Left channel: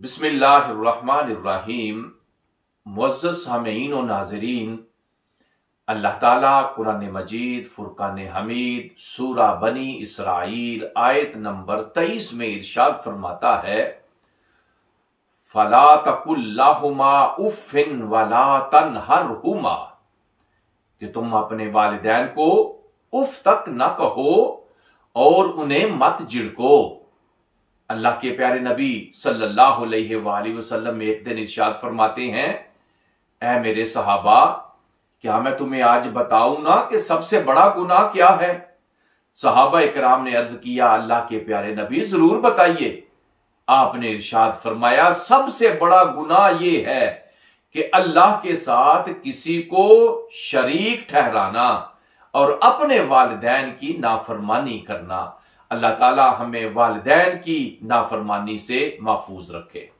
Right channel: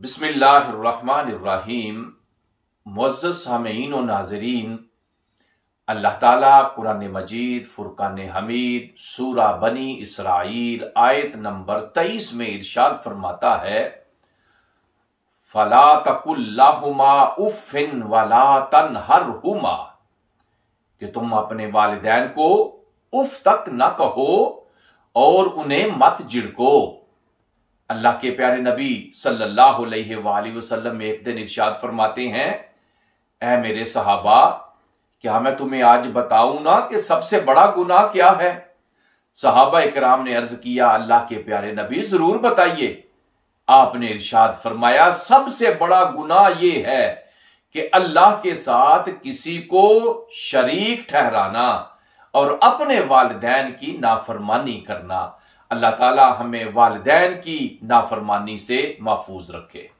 बिस्मिल्लाहिर्रहमानिर्रहीम। मुअज़्ज़ज़ सामीईन व नाज़रीन, अल्लाह ताला कुरान मजीद फुरकान हमीद सूरा बनी इसराइल आयत नंबर 23 में इरशाद फरमाता है, फला तकुल लहुमा उफ़्फ़िन वला तनहरहुमा, कि तुम अपने वालिदैन को उफ तक न कहो और उन्हें मत झिड़को। अल्लाह के प्यारे नबी सल्लल्लाहु अलैहि वसल्लम एक दिन इरशाद फरमाते हैं, ऐ मेरे सहाबा, क्या मैं तुम्हें आज बताऊं ना कि सबसे बड़ा गुनाह क्या है? सहाबा इकराम ने अर्ज किया, अल्लाह के प्यारे नबी जरूर बताइए। आपने इरशाद फरमाया, सबसे बड़ा गुनाह यह है कि अल्लाह के साथ किसी को शरीक ठहराना और अपने वालिदैन की नाफरमानी करना। अल्लाह ताला हमें वालिदैन की नाफरमानी से महफूज रखे।